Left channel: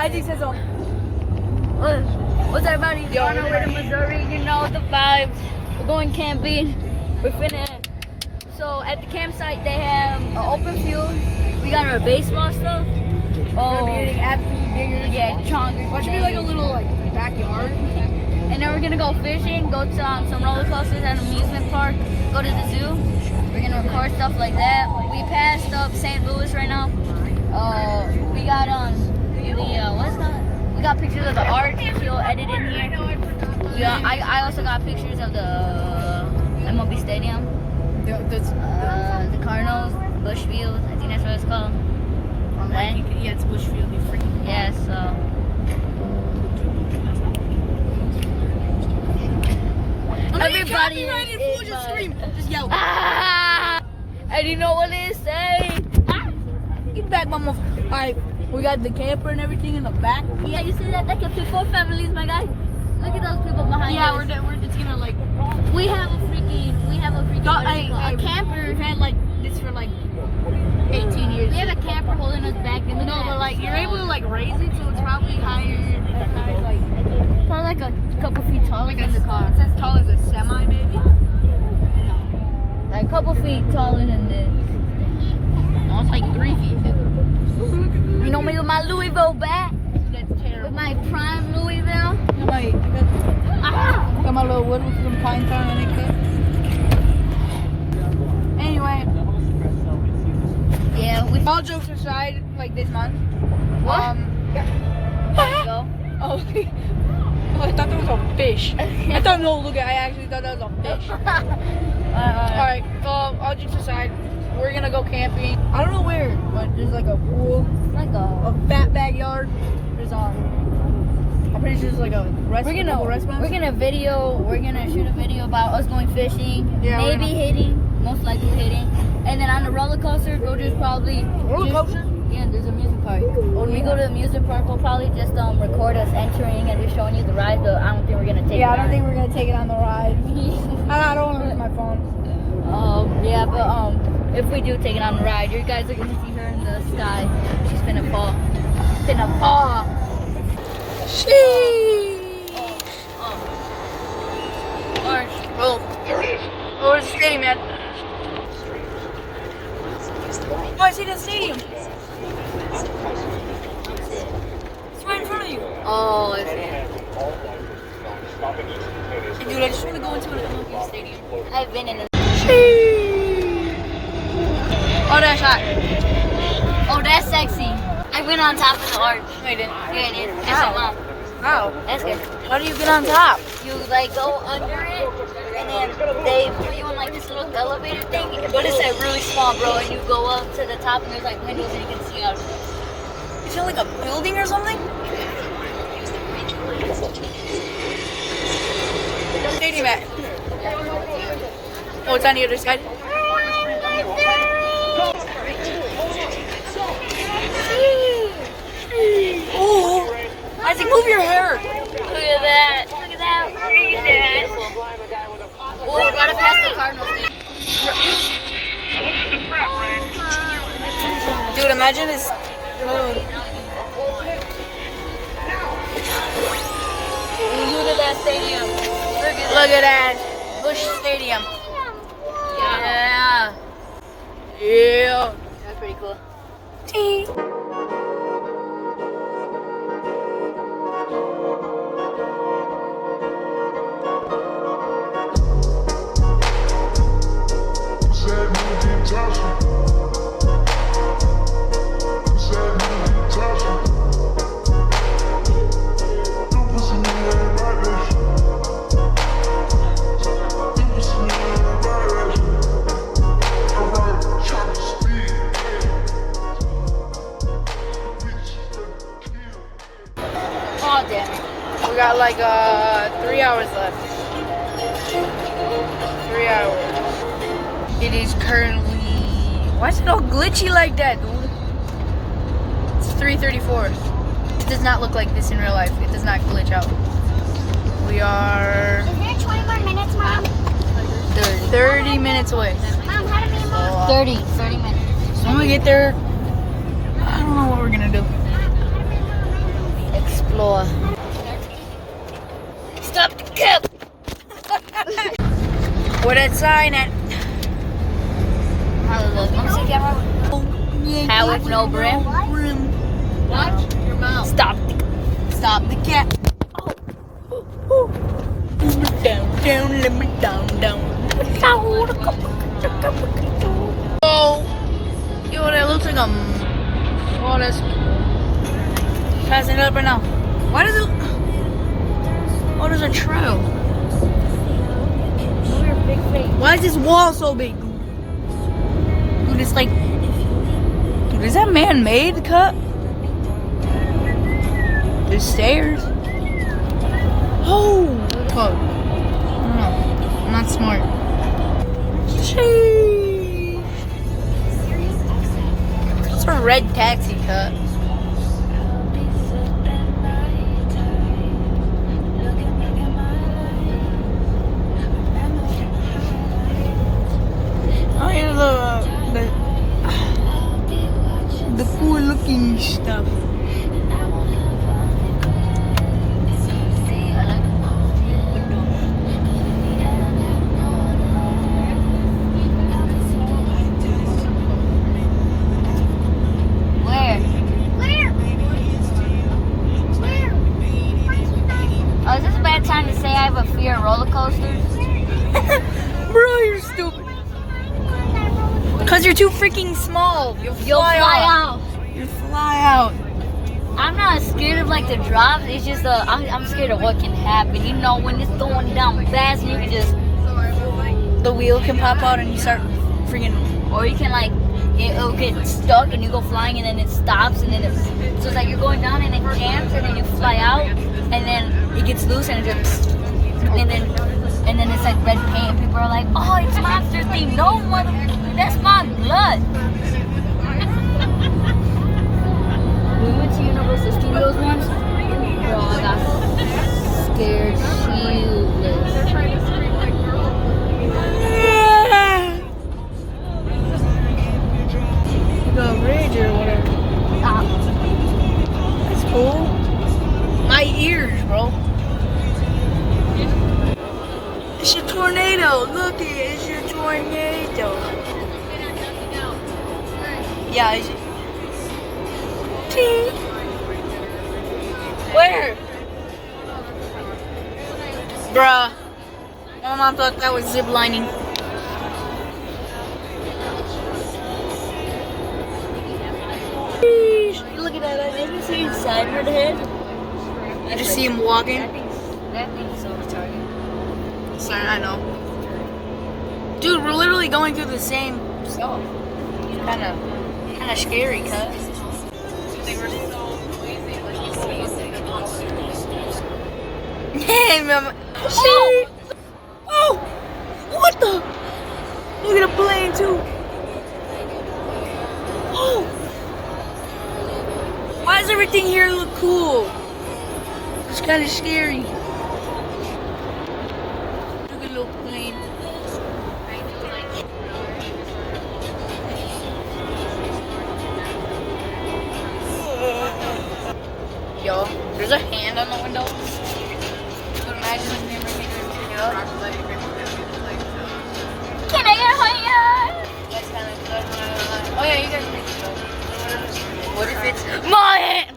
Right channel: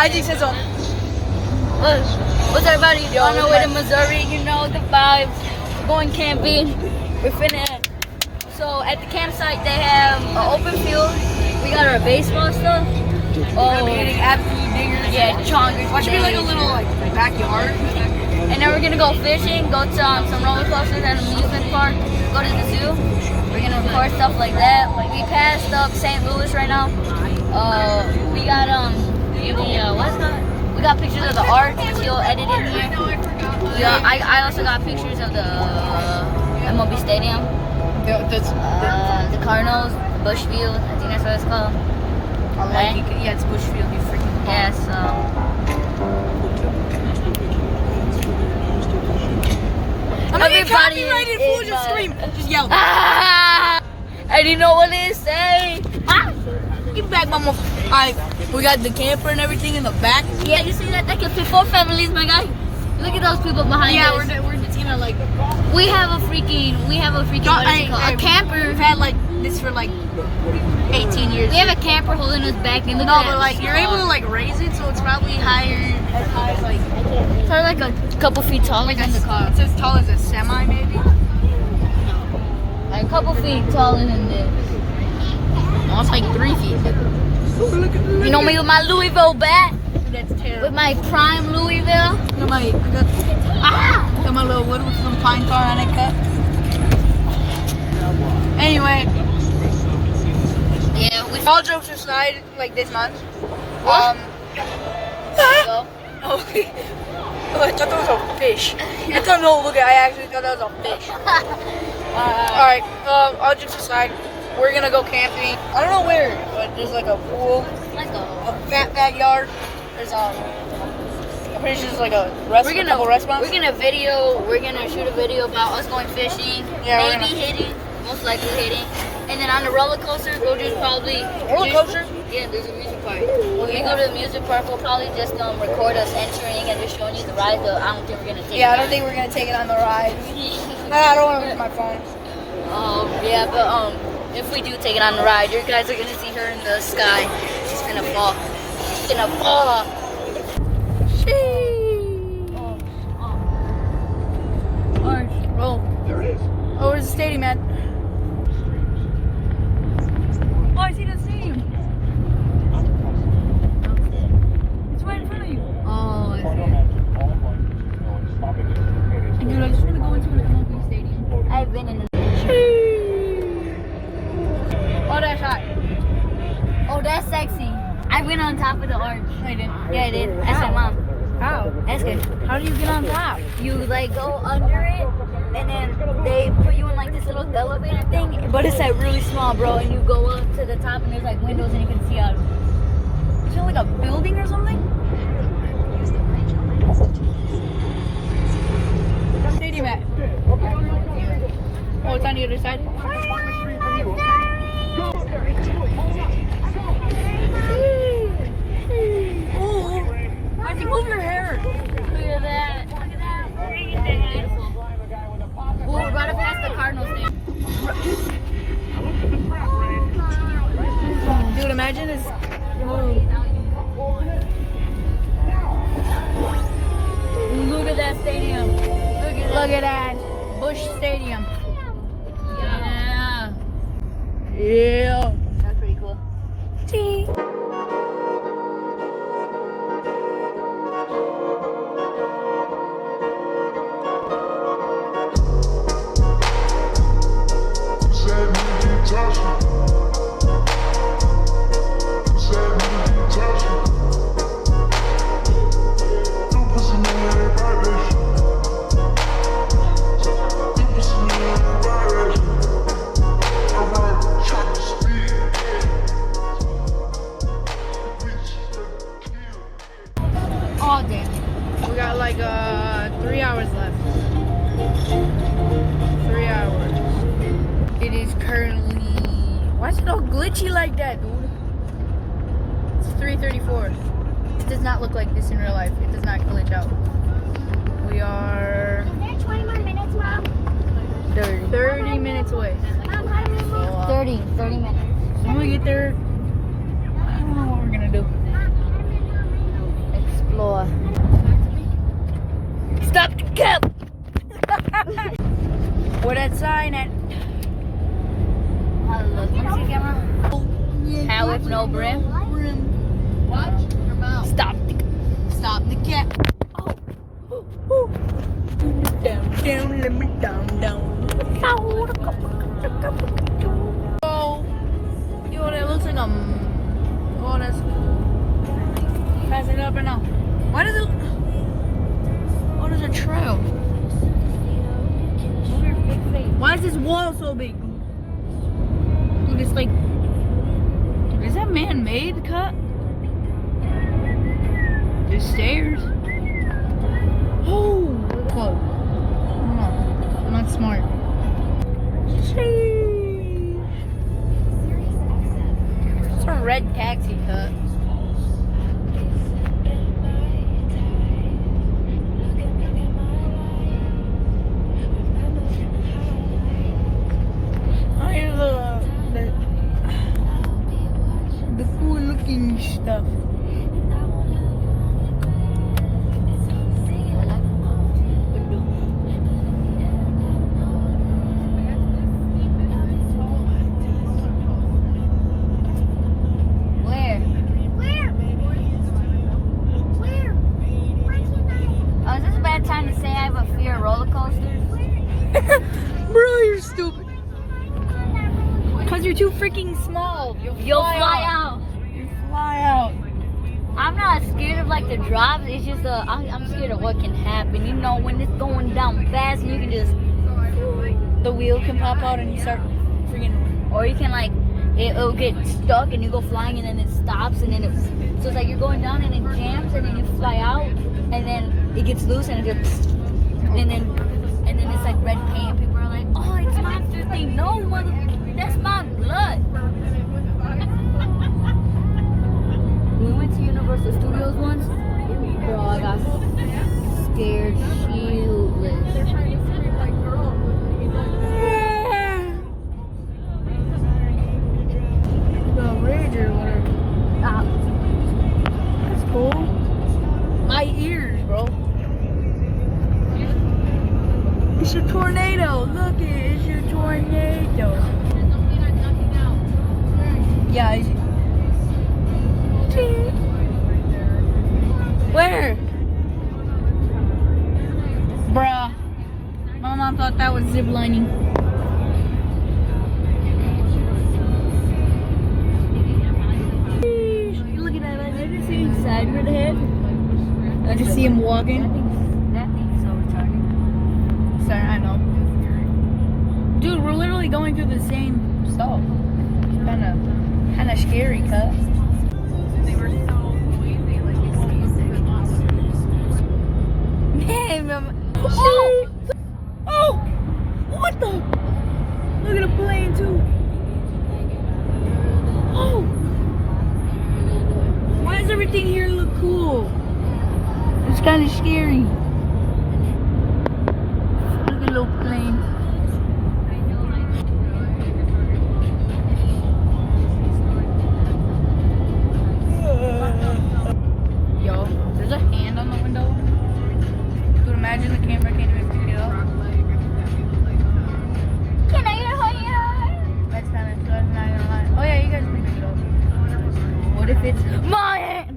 Isaac says so. What's up, everybody? You're on our way to Missouri. You know the vibes. We're going camping. We're finna. So at the campsite, they have an open field. We got our baseball stuff. We'll be hitting absolute dingers. Yeah, chongers. Watch me like a little like backyard. And then we're gonna go fishing, go to some roller coasters at an amusement park, go to the zoo. We're gonna record stuff like that. We passed up St. Louis right now. We got what's that? We got pictures of the art. He'll edit in here. I also got pictures of the MLB Stadium, the Cardinals, the Bush Field. I think that's what it's called. Right? Yeah, it's Bush Field. Yeah, so. Everybody is just scream, just yell. Ah! I didn't know what it say. Ah! Get back, mama. Alright, we got the camper and everything in the back. Yeah, you see that? That can fit 4 families, my guy. Look at those people behind us. Yeah, we're just gonna like. We have a freaking a camper. We've had like this for like 18 years. We have a camper holding us back in the. No, but like you're able to like raise it, so it's probably higher, as high as like. Probably like a couple feet tall, like in the car. It's as tall as a semi, maybe. Like a couple feet taller than this. No, it's like 3 feet. You know me with my Louisville bat. That's terrible. With my prime Louisville. You know I got my little wood with some pine tar on it cut. Anyway. Yeah, we all jokes aside, like this month. What? Go. Oh, I thought that was a fish. I thought, no, look, I actually thought that was a fish. Alright, all jokes aside, we're gonna go camping. I don't know where, but there's like a pool, Let's go. a fat backyard. There's I'm pretty sure there's like a couple restaurants. We're gonna shoot a video about us going fishing, yeah, maybe hitting, most likely hitting. And then on the roller coaster, we'll just probably... Roller coaster? Yeah, there's a music park. When we go to the music park, we'll probably just record us entering and just showing you the ride, but I don't think we're going to take it I don't think we're going to take it on the ride. I don't want to lose my phone. Yeah, but if we do take it on the ride, you guys are going to see her in the sky. She's going to fall. She's going to fall. Sheesh. Oh, there it is. Oh, it's the stadium, man. Oh, I see the stadium. It's right in front of you. Oh, I see. Dude, I just want to go into an MLB stadium. I've been in the... Oh, that's hot. Oh, that's sexy. I went on top of the arch. No, you didn't. Yeah, I did. How? Mom. How? That's good. How do you get on top? You like go under it, and then they put you in like this little elevator thing, but it's like really small, bro. And you go up to the top, and there's like windows, and you can see out. Is it like a building or something? Stadium at? Oh, it's on the other side. Oh, Isaac, move your hair. Look at that. Look at that. Look at that. Oh, we're about to pass the Cardinals thing. Dude, imagine this. Look at that stadium. Look at that. Bush Stadium. Yeah. Yeah. That's pretty cool. Tea. Oh, damn. We got like 3 hours left. 3 hours. It is currently... Why is it all glitchy like that, dude? It's 3:34. It does not look like this in real life. It does not glitch out. We are... Is there 20 more minutes, Mom? 30 minutes away. Mom, how do we move? 30 minutes. So when we get there, I don't know what we're gonna do. Lord. Stop the cap! Where that sign at? How look? Let me see camera. Hat with no brim. Watch your mouth. Stop the cap. Down, let me down. Oh, yo, that looks like a. Oh, that's. Passing it up right now. Why does it? Oh, there's a trail. Why is this wall so big? Dude, it's like. Dude, is that man-made cut? There's stairs. Oh, fuck. No, I'm not smart. Sheesh. It's a red taxi cut. Oh, here's the cool looking stuff. Oh, is this a bad time to say I have a fear of roller coasters? Bro, you're stupid. Cause you're too freaking small. You'll fly out. You fly out. I'm not scared of like the drops. It's just I'm scared of what can happen. You know, when it's going down fast, and you can just The wheel can pop out and you start freaking. or you can like it'll get stuck and you go flying and then it stops and then so it's like you're going down and it jams and then you fly out and then it gets loose and it just and then it's like red paint. People are like, oh, it's monster thing. No, mother, that's my blood. We went to Universal Studios once. Bro, I got scared shitless. The bridge or whatever. Stop. That's cool. My ears, bro. It's a tornado. Look, it's your tornado. Yeah, is it? Tee. Where? Bruh. My mom thought that was zip lining. Look at that. I didn't see inside your head. I just see him walking. That thing's so retarded. Sorry, I know. Dude, we're literally going through the same stuff. Kind of scary, cut. Hey, mama. Shit. Oh, what the? Look at the plane too. Oh, why does everything here look cool? It's kind of scary. Look at the little plane. Yo, there's a hand on the window. But imagine the camera can just pick it up. Can I get a hand? That's kind of good. Oh yeah, you guys make it up. What if it's my hand?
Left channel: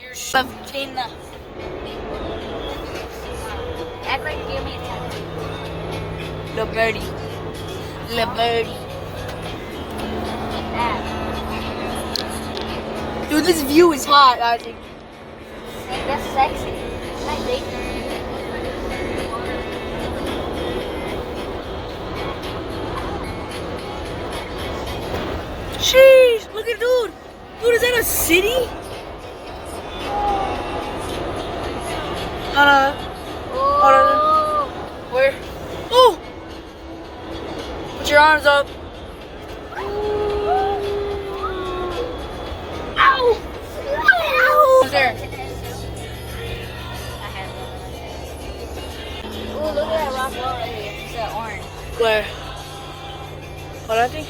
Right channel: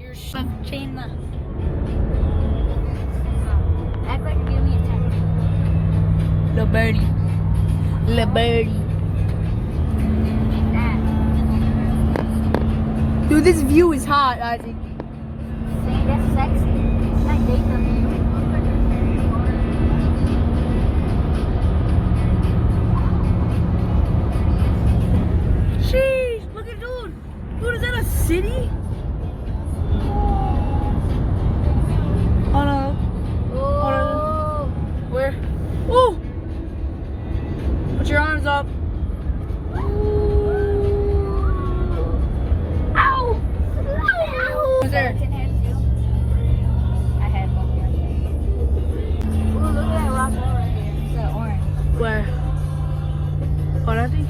You're something. Act like give me a tap. The birdie. The birdie. Dude, this view is hot, I think. That's sexy. Can I date you? Sheesh, look at dude. Dude, is that a city? Oh. Where? Oh! Put your arms up. Ow! Who's there? I had one. Oh, look at that rock wall right here. It's that orange. Where? What I think?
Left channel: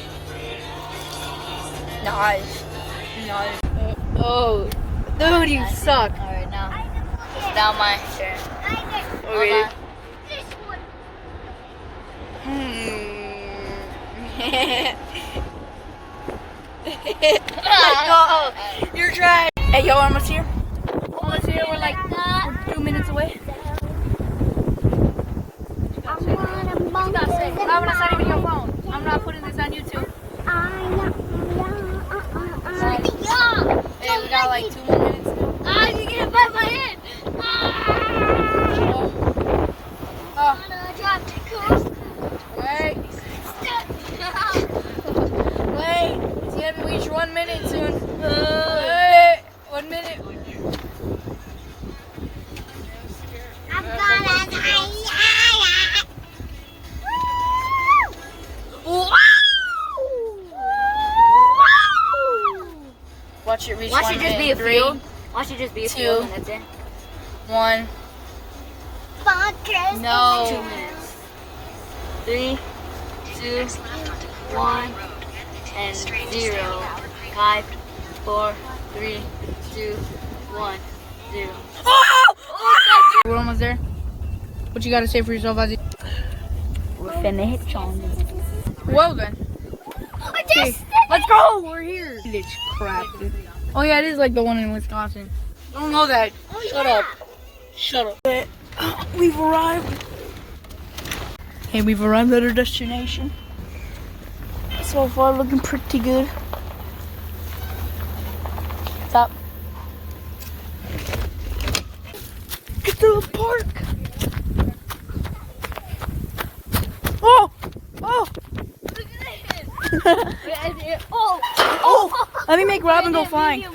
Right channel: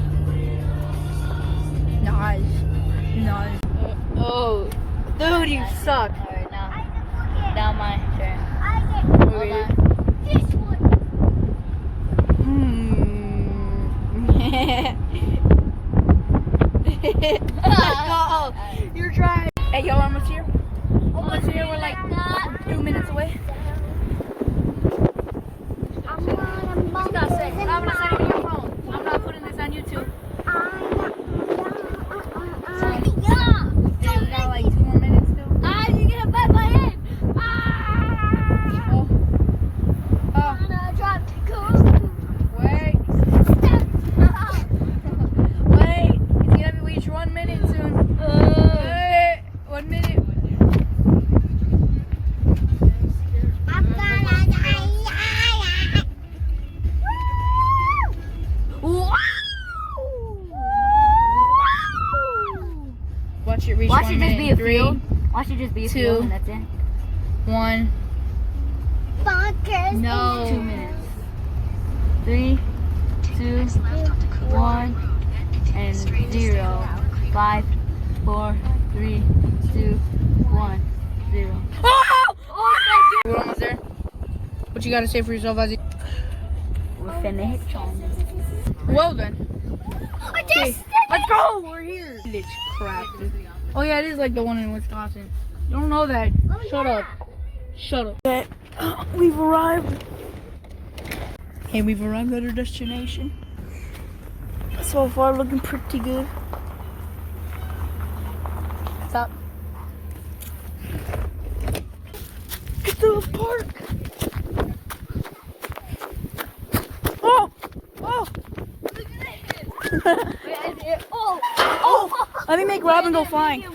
Nice. Nice. Oh, dude, you suck. Alright, now. down my chair. Okay. Hold Oh, you're trying. Hey, yo, almost here. Almost here. We're like 2 minutes away. I'm gonna send it to your phone. I'm not putting this on YouTube. Hey, we got like 2 more minutes. Ah, you get hit by my head. Oh, wait. Wait. It's gonna reach 1 minute soon. Wait. 1 minute. Watch it reach Watch 1 it just minute. be a 3, field. Watch it just be a 2, field, and that's it. 1. No. 2 minutes. 3, 2, 1, and 0. 5, 4, 3, 2, 1, 0. Oh! We're almost there. What you gotta say for yourself, Ozzy? We're finna hit Chong. Well then. Okay, let's go. We're here. Bitch, crap. Dude. Oh yeah, it is like the one in Wisconsin. You don't know that. Shut up. Shut up. We've arrived. Hey, we've arrived at our destination. So far, looking pretty good. Stop. Get to the park. Oh! Oh! Oh! Let me make Robin go flying.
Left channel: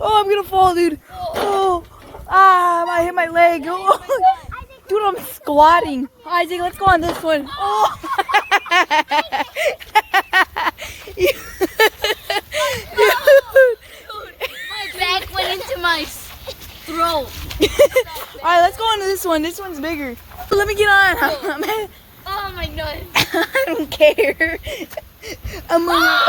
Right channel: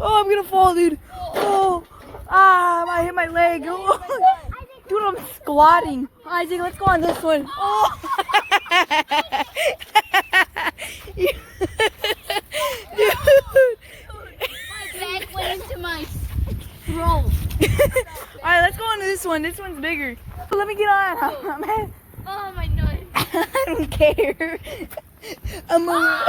Oh, I'm gonna fall, dude. Oh! Ah, I hit my leg. Oh. Dude, I'm squatting. Isaac, let's go on this one. Oh! My back went into my throat. Alright, let's go on to this one. This one's bigger. Let me get on. Oh my god. I don't care. I'm gonna.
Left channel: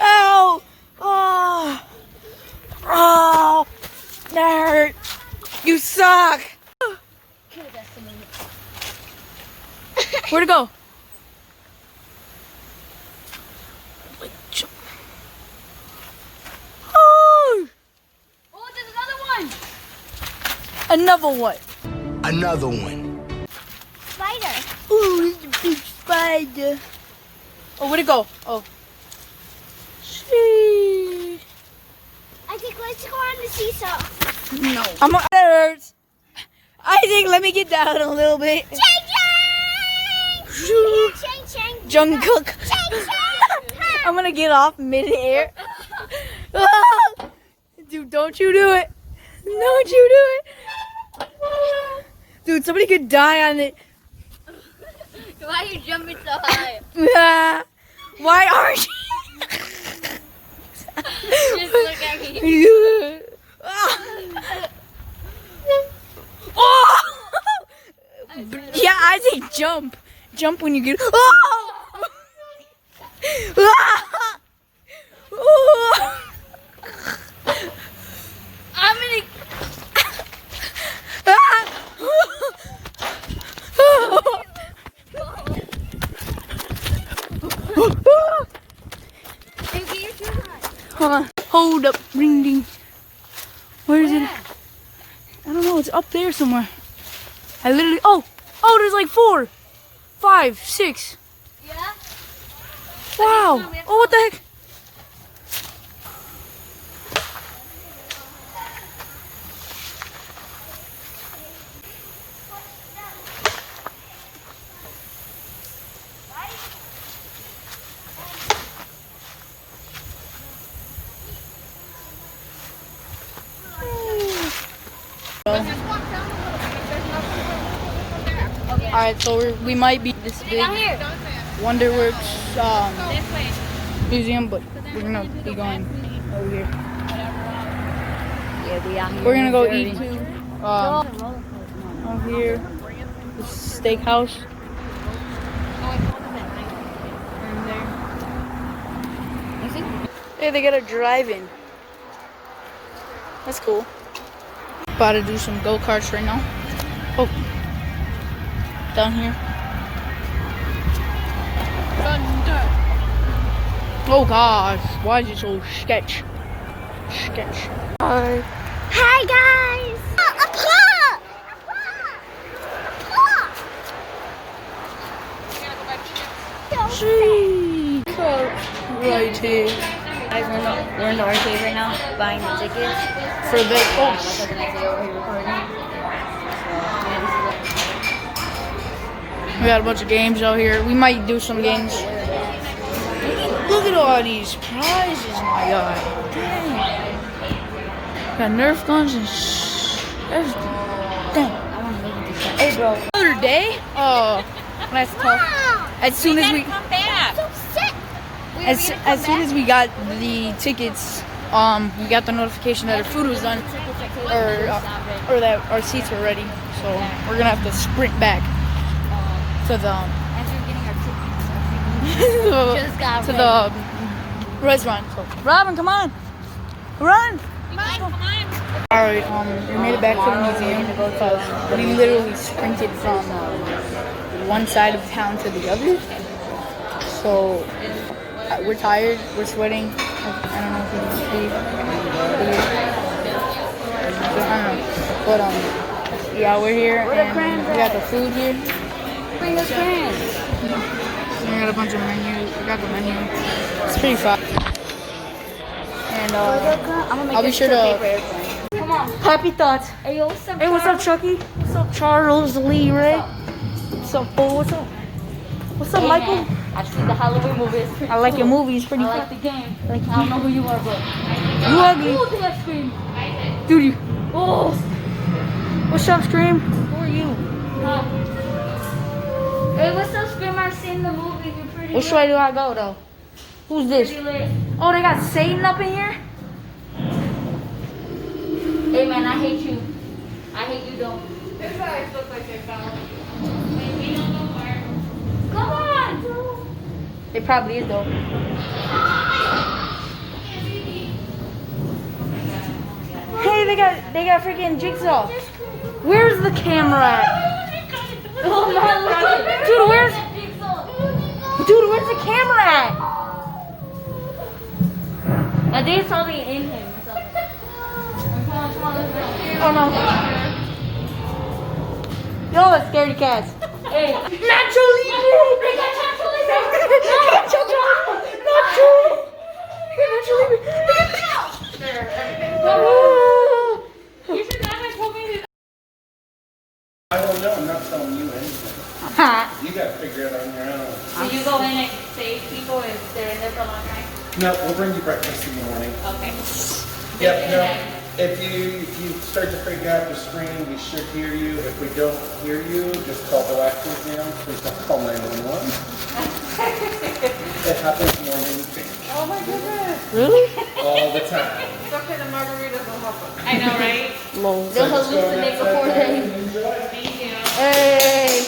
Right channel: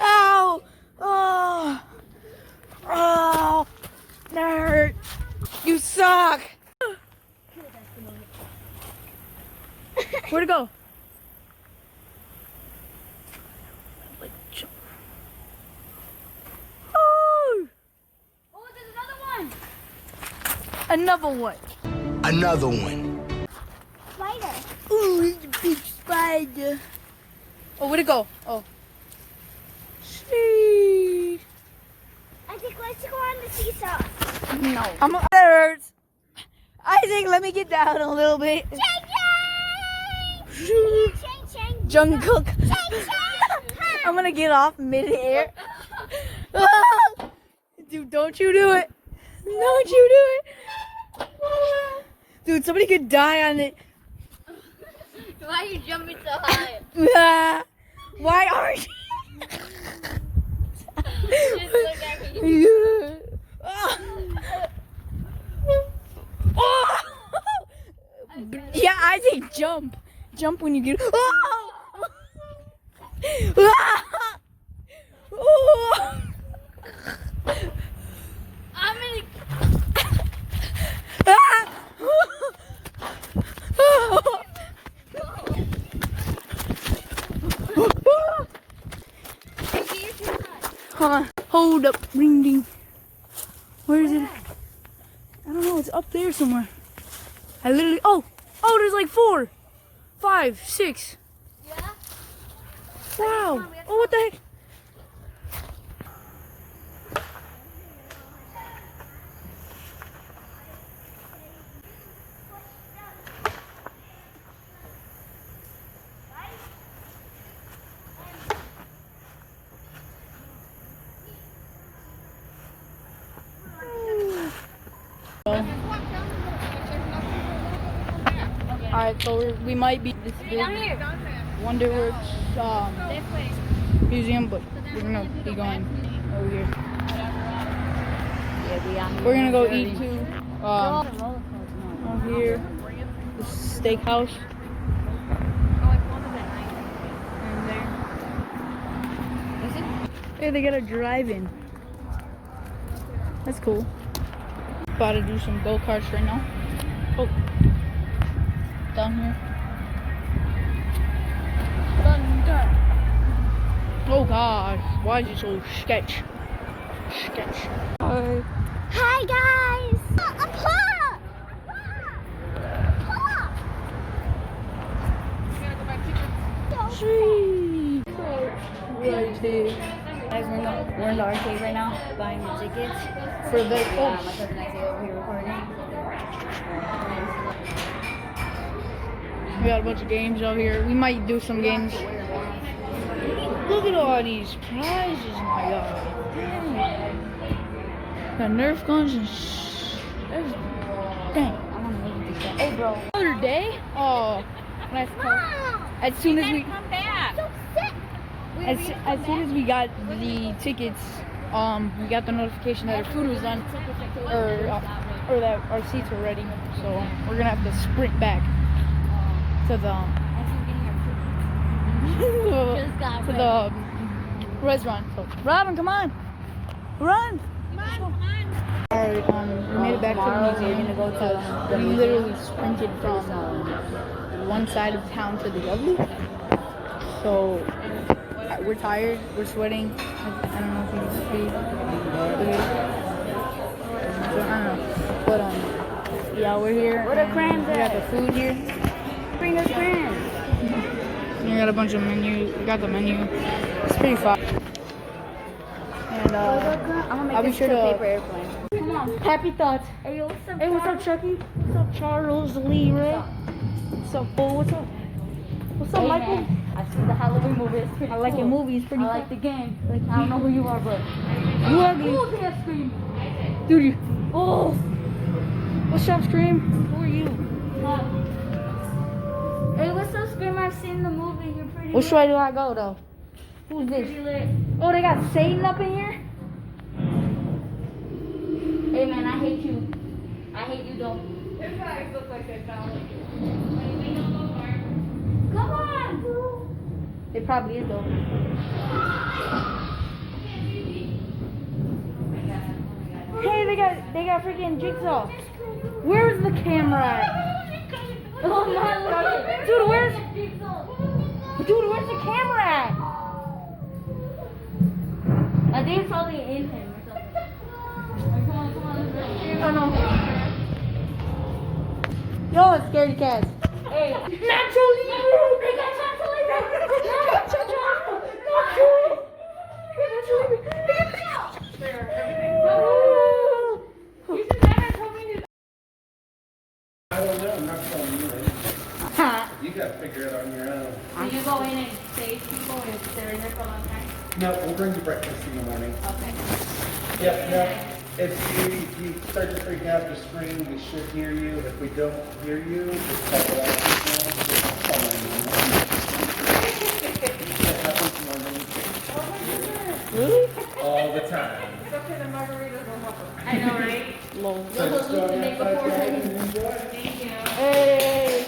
Ow! Oh! Oh! That hurt. You suck. Where'd it go? Like jump. Oh! Oh, there's another one. Another one. Another one. Spider. Ooh, it's a big spider. Oh, where'd it go? Oh. Sheesh. I think let's go on the seesaw. No. That hurts. I think let me get down a little bit. Chang chang. Chang chang. Jungkook. Chang chang. I'm gonna get off mid-air. Dude, don't you do it. Don't you do it. Dude, somebody could die on it. Why are you jumping so high? Why aren't you? Just look at me. Oh! Yeah, I say jump. Jump when you get. Oh! I'm gonna. Hold on. Hold up. Ring ding. Where is it? I don't know. It's up there somewhere. I literally. Oh! Oh, there's like 4, 5, 6. Yeah? Wow. Oh, what the heck? Alright, so we might be this big Down here. Wonderworks museum, but we're gonna be going over here. Yeah, we out here. We're gonna go eat too. Over here. steakhouse. Hey, they got a drive-in. That's cool. About to do some go-karts right now. Oh, down here. Oh gosh, why is it so sketch? Hi. Hi guys. Sweet. Right here. Guys, we're in the arcade right now, buying the tickets. For the My cousin Isaiah over here recording. we got a bunch of games out here. We might do some games. Look at all these prizes, my guy. Dang. Got Nerf guns and everything. Dang. I want to make it this. Hey, bro. Another day? Oh, that's tough. As soon as we, So sick. as soon as we got the tickets, we got the notification that our food was done, or that our seats were ready. So we're gonna have to sprint back to the to the restaurant. So Robin, come on, run! Alright, we made it back to the museum because we literally sprinted from one side of town to the other. So we're tired, we're sweating. I don't know if you can see. So, I don't know. But yeah, we're here and we got the food here. Bring us friends. We got a bunch of menu. We got the menu. It's pretty fun. And I'll be sure to. Come on. Happy thoughts. Hey, yo, what's up? Hey, what's up, Chucky? What's up, Charles Lee Ray? What's up, Paul? What's up? What's up, Michael? I've seen the Halloween movie. It's pretty I like cool. your movie. It's pretty I fun. like the game. I don't know who you are, but You ugly. oh, did I scream? Dude, you. Oh, What's up, Scream? Who are you? huh. Hey, what's up, Scream? I've seen the movie. You're pretty. Which way do I go, though? Who's this? Pretty lit. Oh, they got Satan up in here? Hey, man, I hate you. I hate you, though. Come on, dude. It probably is, though. Hey, they got freaking Jigsaw. Where's the camera at? Oh, my Lord. Dude, where's the camera at? I think it's probably in him or something. Come on, let's go. Oh no. Yo, it's scaredy cats. Hey. Nacho Libre! They got Nacho Libre. Nacho Libre! You should not have told me to. I don't know. I'm not telling you anything. You got to figure it out on your own. So you go in and save people and stay in there for a long time? No, we'll bring you breakfast in the morning. Okay. Yep. No. If you start to freak out the screen, we should hear you. If we don't hear you, just call the last exam. Just call 911. That happens more than you think. Oh my goodness. Really? All the time. I know, right? Lol. They'll hallucinate before they. Thank you. Hey!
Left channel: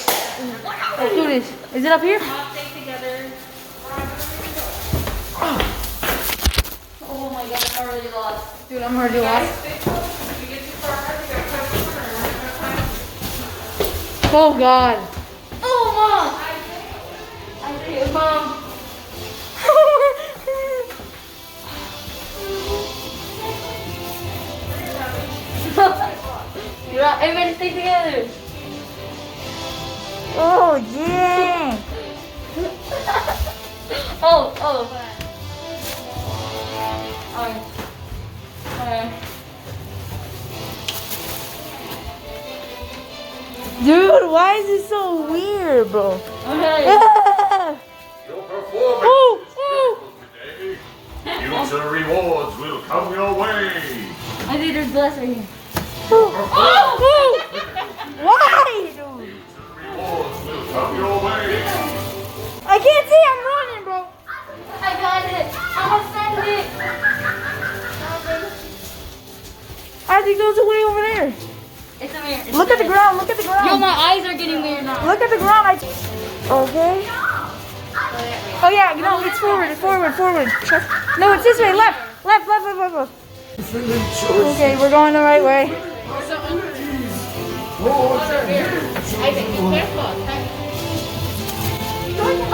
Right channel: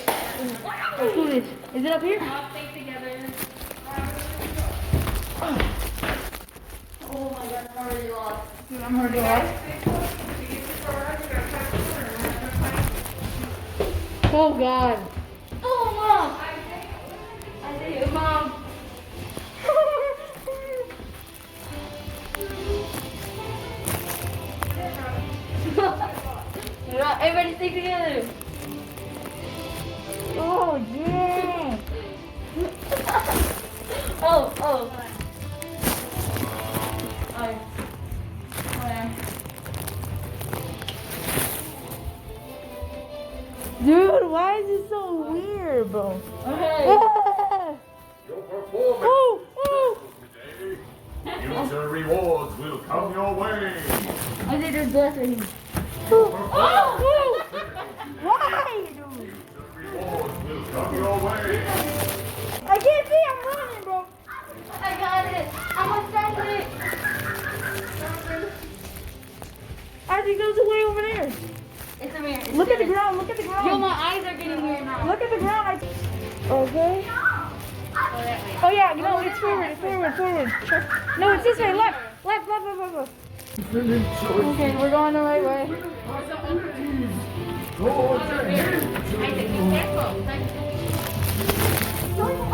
Let's do this. Is it up here? All stay together. Oh my god, I'm already lost. Dude, I'm already lost. Oh god. Oh, Mom! I see it, Mom. Everybody stay together. Oh yeah. Oh. Dude, why is it so weird, bro? Okay. Your performance Oh, today. Future rewards will come your way. I think there's glass right here. Why, dude? Rewards will come your way. I can't see. I'm running, bro. I got it. I'm gonna send it. I think those are way over there. It's a mirror. It's Look at the mirror. ground. Look at the Yo, ground. my eyes are getting weird now. Look at the ground. Okay. Oh yeah, no, it's forward. No, it's this way. Left. Okay, we're going the right way.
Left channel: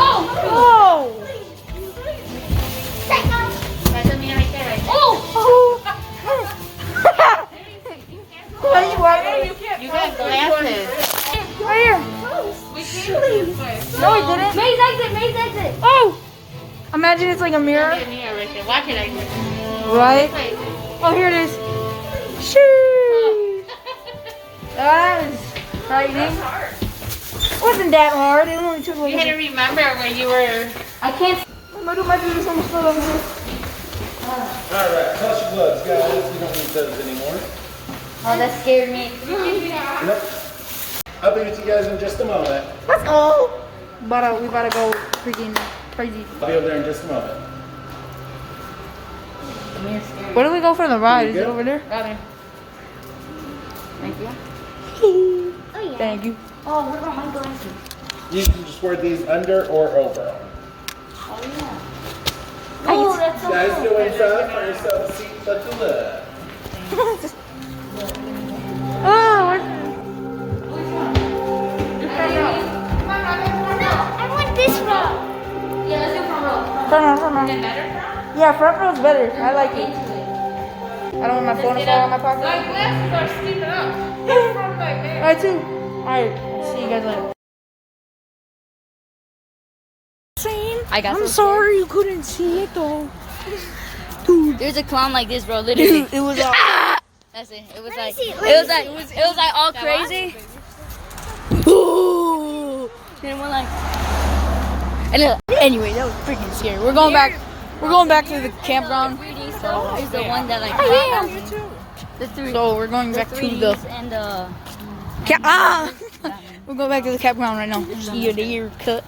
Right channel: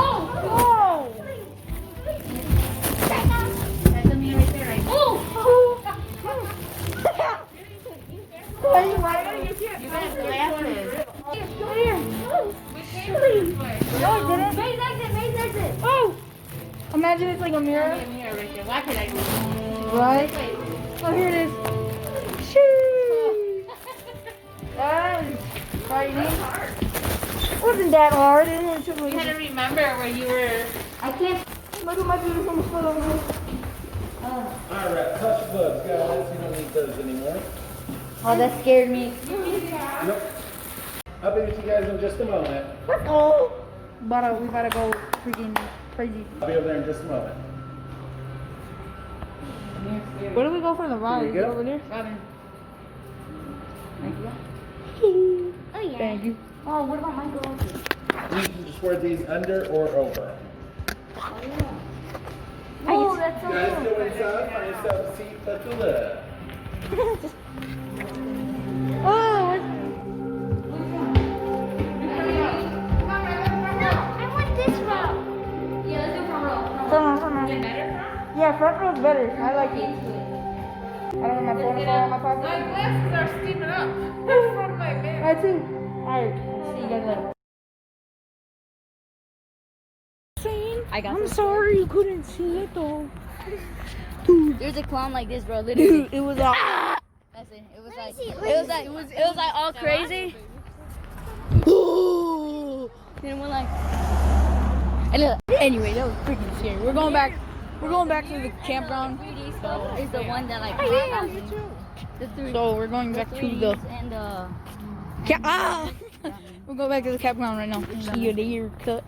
Oh! You got glasses. Right here. No, it didn't. Maze exit. Oh! Imagine it's like a mirror. Mirror right there. Watch it. Right? Oh, here it is. Shoo! That is frightening. Wasn't that hard? It only took like You had to remember when you were. I can't. my dude's almost fell over here. Alright, toss your gloves, guys. We don't need those anymore. Oh, that scared me. Nope. I'll be with you guys in just a moment. Let's go. We gotta go freaking crazy. I'll be over there in just a moment. Where do we go for the ride? Is it Good. over there? Oh yeah. Thank you. Oh, what about my glasses? You can just wear these under or over. Oh, that's so Guys, cool. go inside for yourself a seat to the left. Oh, No, I want this row. Yeah, let's do front row. front row. Yeah, front row's better. I like it. I don't want my phone to fall in my pocket. My glasses are sticking up. From my bed. I too. Alright, see you guys later. I'm sorry you couldn't see it though. Dude, There's a clown like this, bro. Literally. it was That's it. It was like all crazy. Ooh. Then we're like, Anyway, that was freaking scary. We're going back to the campground. 3D stuff is the one that like. The three. So we're going back to the and We're going back to the campground right now. See your deer cut.